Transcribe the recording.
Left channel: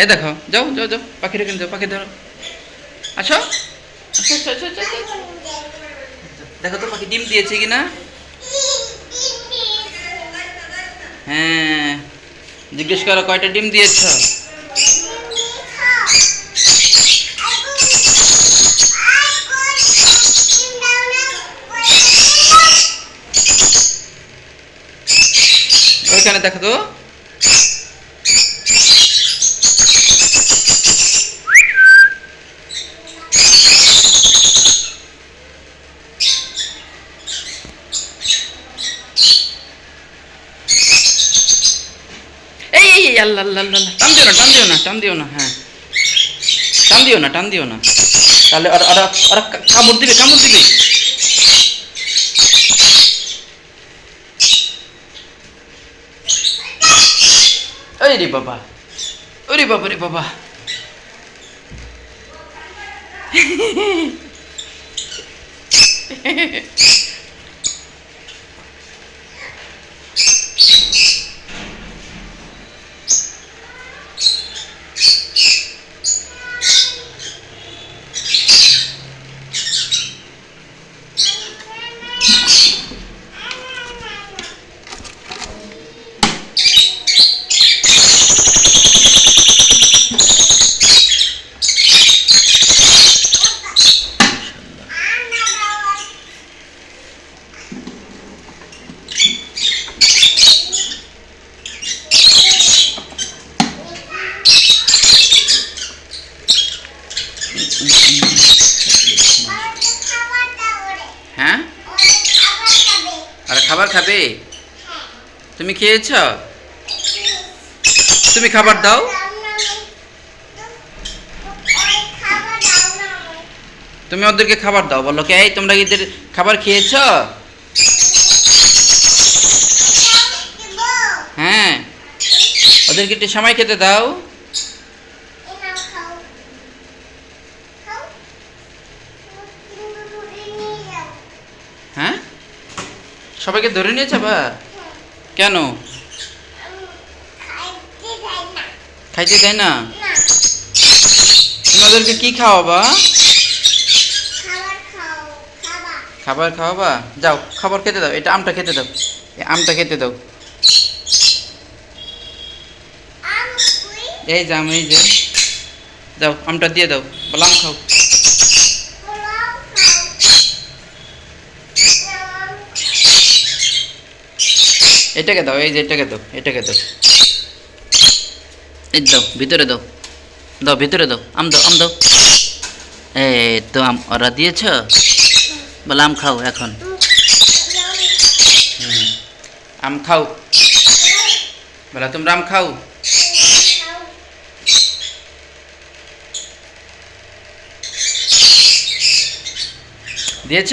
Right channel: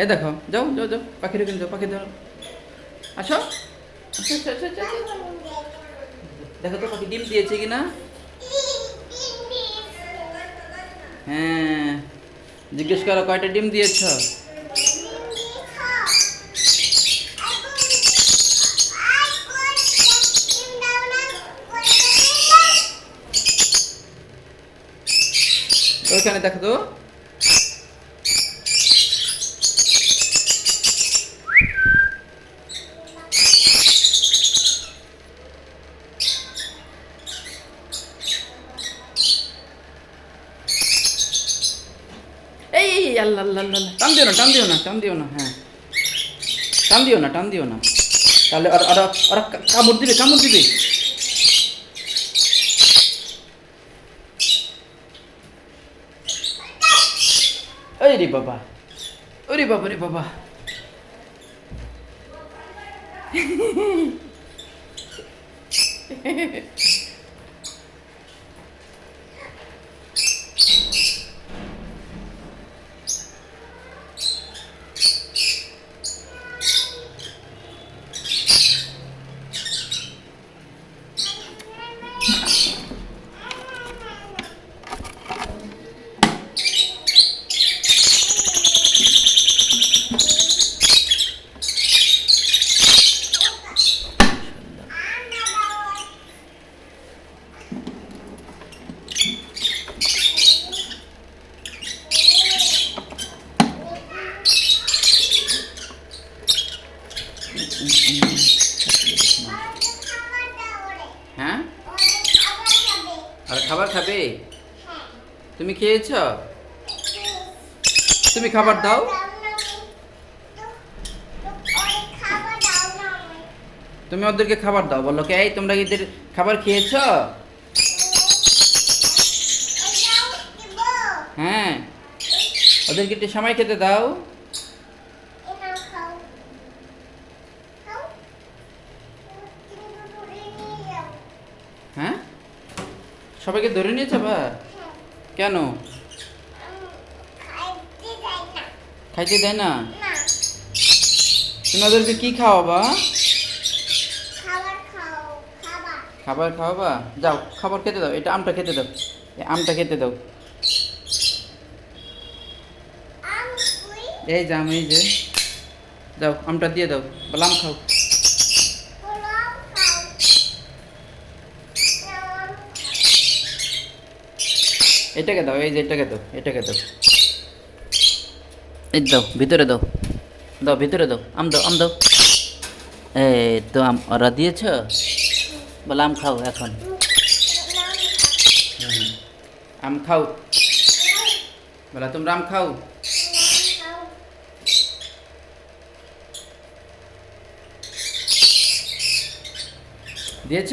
এই দেখো, যাও যাও যাও পাখি রেখে যাও, পাখি ধরো। আসো। দেখো তো পাখি ডিম দিয়েছে কিনা? হ্যাঁ জিজ্ঞেস করো, কয়টা ডিম দিয়েছ? ওইখানে দেখো তো। এই এই এই, আল্লাহ আল্লাহ আল্লাহ আল্লাহ। টান দিও না টান দিও না টান দিও না হ্যাঁ টান দিও না টান দিও না তাহলে ওরা ওরা ওরা কা- কামড় দিবে কামড় দিবে ওই রে বাবা ওরে বাবা রে বাবা হ্যাঁ? আর খাবার খাবে? তুমি খেয়েছ? তুমি খাবার দাও। তুমি ওদেরকে খাবার দাও। বলো কে, এই, তোমরা এদের খাবার খেয়েছ? হ্যাঁ। ওদেরকে একটু সময় খেতে দাও হ্যাঁ সবাইকে ধরে নিয়েছে বা কেন? খাইতে দেয় না? তুমি ওদেরকে কি খাওয়াবা? খাবার খাওয়াবা? যাও, খাবার খেতে দাও, এটা আমটা খেতে দাও। এই আমটা খেতে দাও। এই যে আম, এই যে। যাও, আমটা দিয়ে দাও, বলে আম খাও। এটাকে দাও, এই যে এটাকে দাও এটাকে দাও। এই দাও, ভিতরে দাও। দাও, ভিতরে দাও, আম দাও আম দাও। এই তো আম, ওরা দিয়েছ? বলে আম খাও এখন। আম খাও। বলে তোমরা আম খাও। দিয়েছ?